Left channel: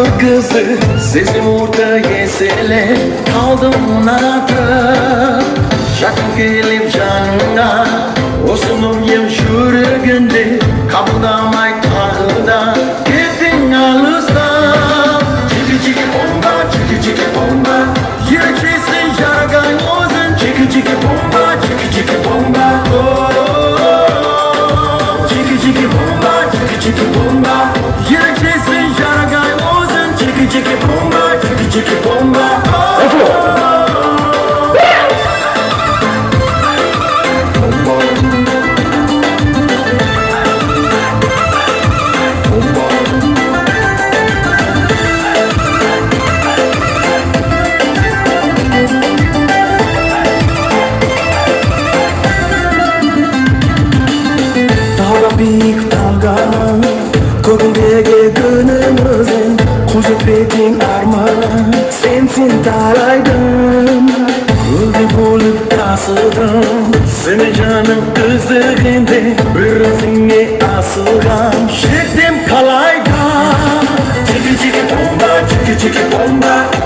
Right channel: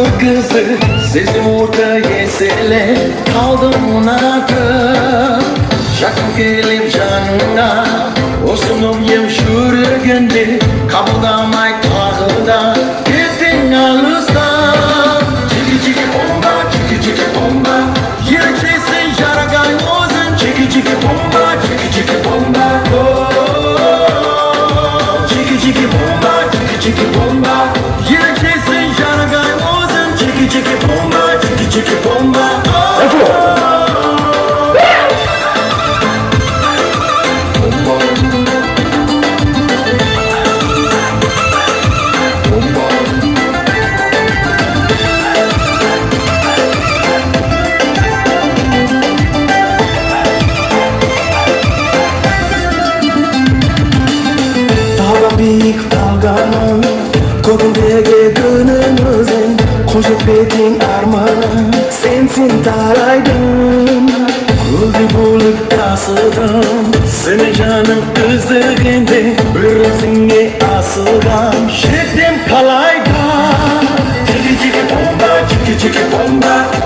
Uğur kızı sezdim orta yesele aldım nanakı Şakım gelip canına Osmanım yemşure günde Kapıdamay kahıda Gittin alızda Çiki çiki bomba çiki çiki bomba Yerkesin yaragay ozun Çiki çiki bomba çiki çiki bomba Çiki çiki bomba çiki çiki bomba Yerkesin yaragay ozun Çiki çiki bomba çiki çiki bomba Büyük dalgalar Kodundege dönümüzün Koşup betin armağan Sensin talaydım Ruhi bulup asıldım Seni canım kızdırgende Ürüsünge asıldım Şiddim kalayda Çiki çiki bomba Çiki çiki bomba